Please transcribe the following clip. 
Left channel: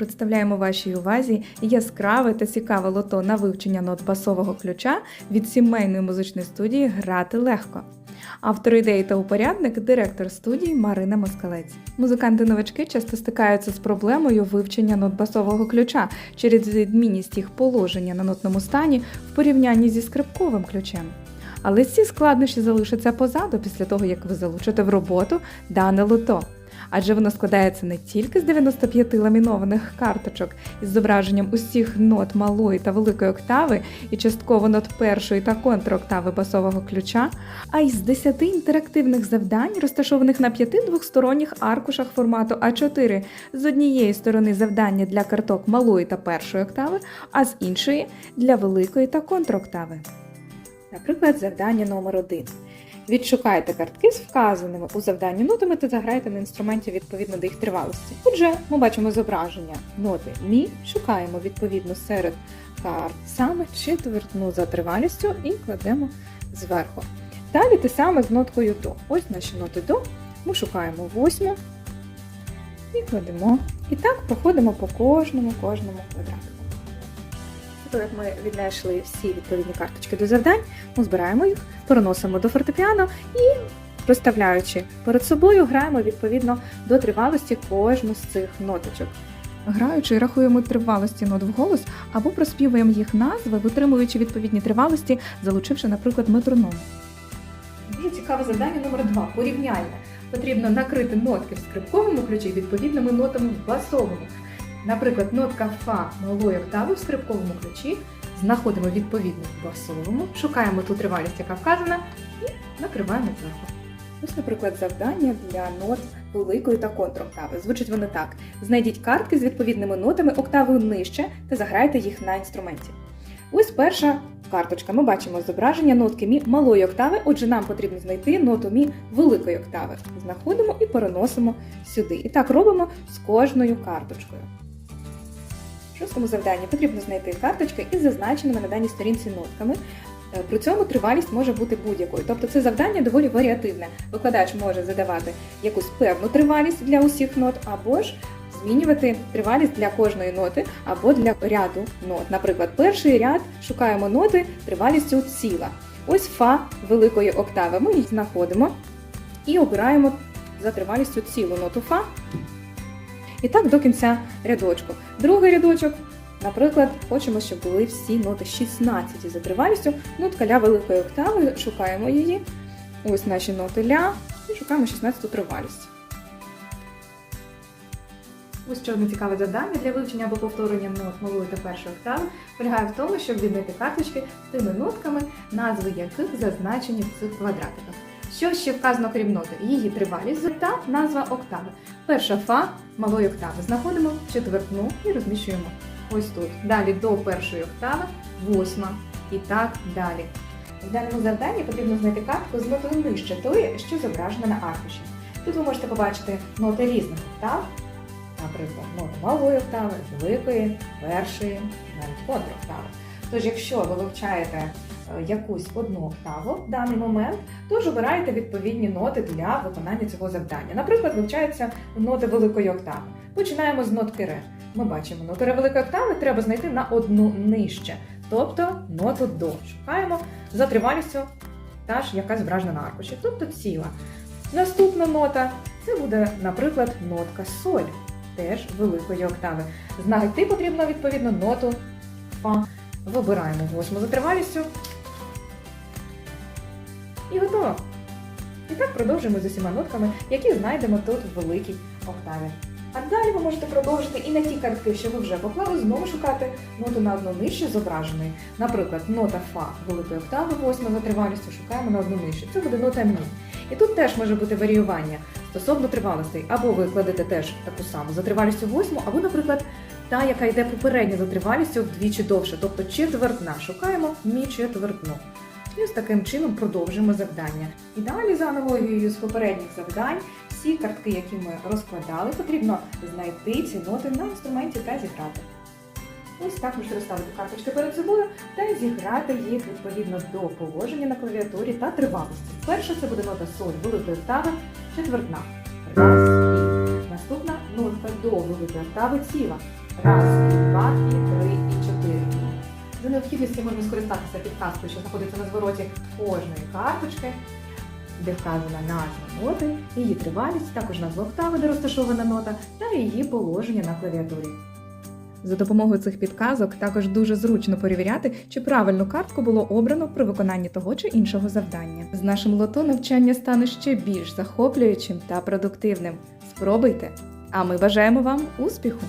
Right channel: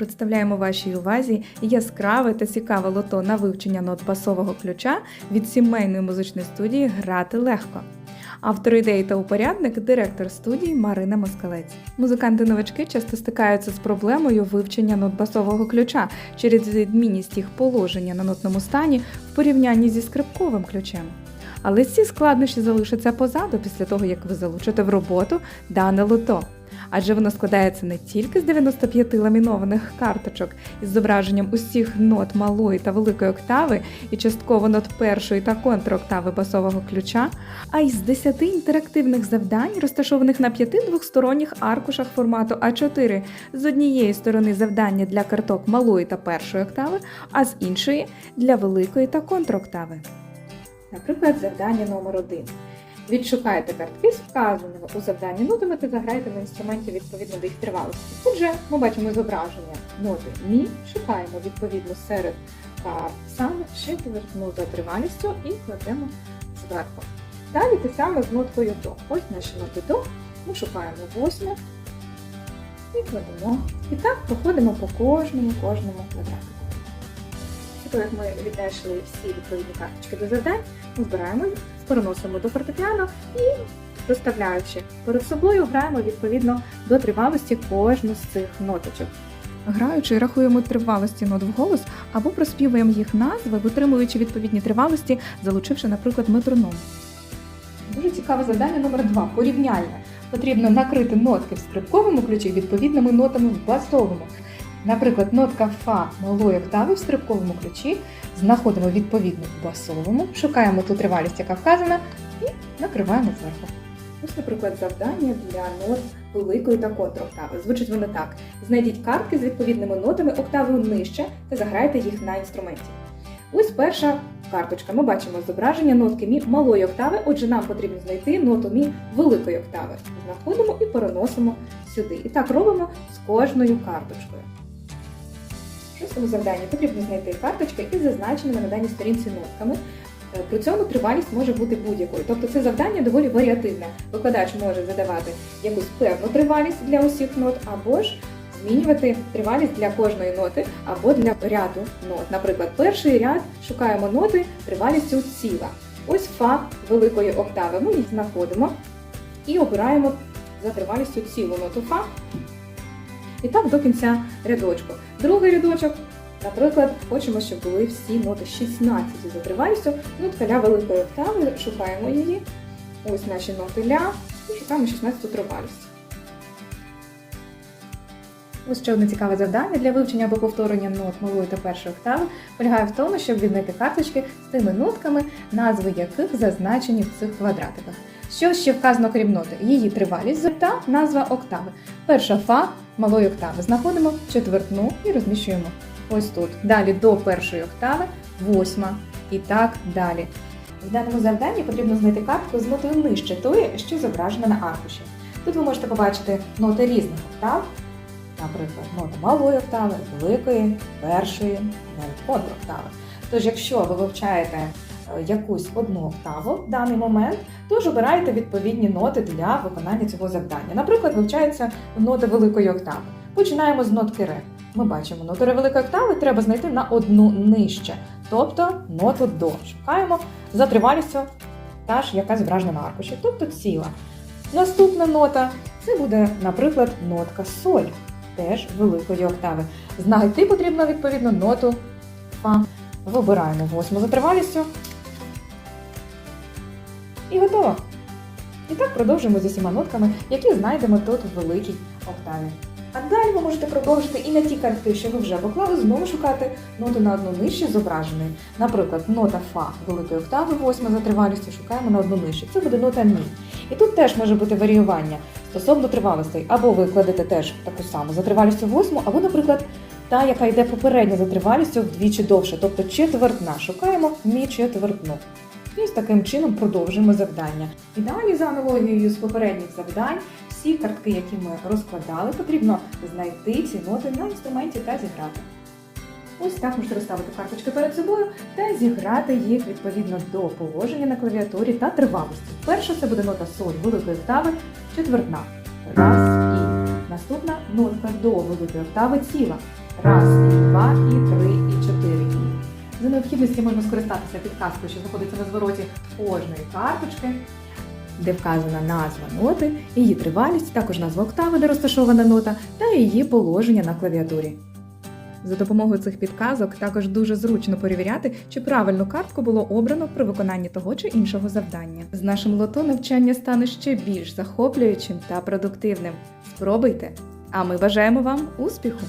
Представляємо вашій увазі яскраве та цікаве лото на вивчення нот басового ключа від сімейної музичної студії Грати легко. Автор ідеї та упорядник директор студії Марина Москалець. Музиканти-новачки часто стикаються з проблемою вивчення нот басового ключа через відмінність їх положення на нотному стані в порівнянні зі скрипковим ключем. Але ці складнощі залишаться позаду після того, як ви залучите в роботу дане лото. Адже воно складається не тільки з 95 ламінованих карточок із зображенням усіх нот малої та великої октави і частково нот першої та контроктави басового ключа, а й з 10 інтерактивних завдань, розташованих на п'яти двохсторонніх аркушах формату А4 з однієї сторони завдання для карток малої та першої октави, а з іншої для великої та контроктави. Наприклад, завдання номер 1 Відшукайте картки з вказаними у завданні нотами та заграйте на інструменті відповідно до їх тривалості. Отже, ми бачимо зображення ноти Мі, шукаємо відповідно серед карт саме четвертну за тривалістю і кладемо зверху. Далі те саме з ноткою до. Ось наші ноти до. Ми шукаємо восьму і кладемо. І так походимо по кожному кожному квадрату. Як ми віднайшли всі відповідні карточки до завдань, ми збираємо їх, переносимо до фортепіано і, розставляючи перед собою, граємо відповідно до тривалості кожну з цих ноточок. Граючи, рахуємо тривалості нот вголос або проспівуємо їх назви, витримуючи відповідні тривалості, залучивши, наприклад, метроном. Дуже цікаве завдання номер два. Порівняння. Потрібно накрити нотки в скрипковому ключі відповідними нотами в басовому. Наприклад, нотка Фа малої октави в скрипковому ключі знаходимо відповідно в басовому, шукаємо ту тривалість, яка вказана, і накриваємо зверху. Ось, наприклад, завдання для нот великої та контроктави. Звучить вони так: знайдіть картки з відповідними нотами октавою нижче та заграйте їх на інструменті. Ось перша карточка. Ми бачимо зображення нотки мі малої октави, отже, нам потрібно знайти ноту мі великої октави. Знаходимо і переносимо сюди. І так робимо з кожною карточкою. Шостому завданні потрібно знайти карточки із зазначеними на даній сторінці нотками. Е, При цьому тривалість може бути будь-якою. Тобто це завдання доволі варіативне. Викладач може задавати якусь певну тривалість для усіх нот, або ж змінювати тривалість для кожної ноти або для ряду нот. Наприклад, перший ряд шукаємо ноти тривалістю ціла. Ось фа великої октави. Ми їх знаходимо і обираємо за тривалістю цілу ноту фа. І так до кінця рядочку. Другий рядочок, наприклад, хочемо, щоб були всі ноти 16 за тривалістю. Нотка ля великої октави, шукаємо її. Ось наші ноти ля і шукаємо 16 тривалість. Ось ще одне цікаве завдання для вивчення або повторення нот малої та першої октави полягає в тому, щоб віднайти карточки з тими нотками, назви яких зазначені в цих квадратиках. Що ще вказано крім ноти? Її тривалість та назва октави. Перша фа малої октави знаходимо четвертну і розміщуємо ось тут. Далі до першої октави, восьма і так далі. В даному завданні потрібно знайти картку з нотою нижче тої, що зображена на аркуші. Тут ви можете побачити ноти різних октав, наприклад, ноти малої октави, великої, першої, контроктави. Тож, якщо ви вивчаєте якусь одну октаву в даний момент, тож обирайте відповідні ноти для виконання цього завдання. Наприклад, вивчаються ноти великої октави. Починаємо з нотки ре. Ми бачимо ноту ре великої октави, треба знайти на одну нижче, тобто ноту до. Шукаємо за тривалістю та ж, яка зображена на аркуші, тобто ціла. Наступна нота це буде, наприклад, нотка соль, теж великої октави. Знайти потрібно відповідно ноту фа. Вибираємо восьму за тривалістю. І готово. І так продовжуємо з усіма нотками, які знайдемо тут у великій октаві. А далі ви можете продовжити і на ті картки, що ви вже поклали, знову шукати ноту на одну нижче зображеної. Наприклад, нота Фа великої октави, восьма за тривалістю, шукаємо на одну нижче. Це буде нота Мі. І тут теж може бути варіювання стосовно тривалостей. Або ви кладете теж таку саму за тривалістю восьму, або, наприклад, та, яка йде попередньо за тривалістю вдвічі довше, тобто четвертна. Шукаємо мі четвертну. І ось таким чином продовжуємо завдання. І далі за аналогією з попередніх завдань, всі картки, які ми розкладали, потрібно знайти ці ноти на інструменті та зіграти. Ось так можете розставити карточки перед собою та зіграти їх відповідно до положення на клавіатурі та тривалості. Перша це буде нота соль великої октави, четвертна. Раз і наступна нотка до великої октави ціла. Раз, і два, і три, і чотири дії. За необхідності можна скористатися підказкою, що знаходиться на звороті кожної карточки, де вказана назва ноти, її тривалість, також назва октави, де розташована нота, та її положення на клавіатурі. За допомогою цих підказок також дуже зручно перевіряти, чи правильну картку було обрано при виконанні того чи іншого завдання. З нашим лото навчання стане ще більш захоплюючим та продуктивним. Спробуйте! А ми бажаємо вам успіху!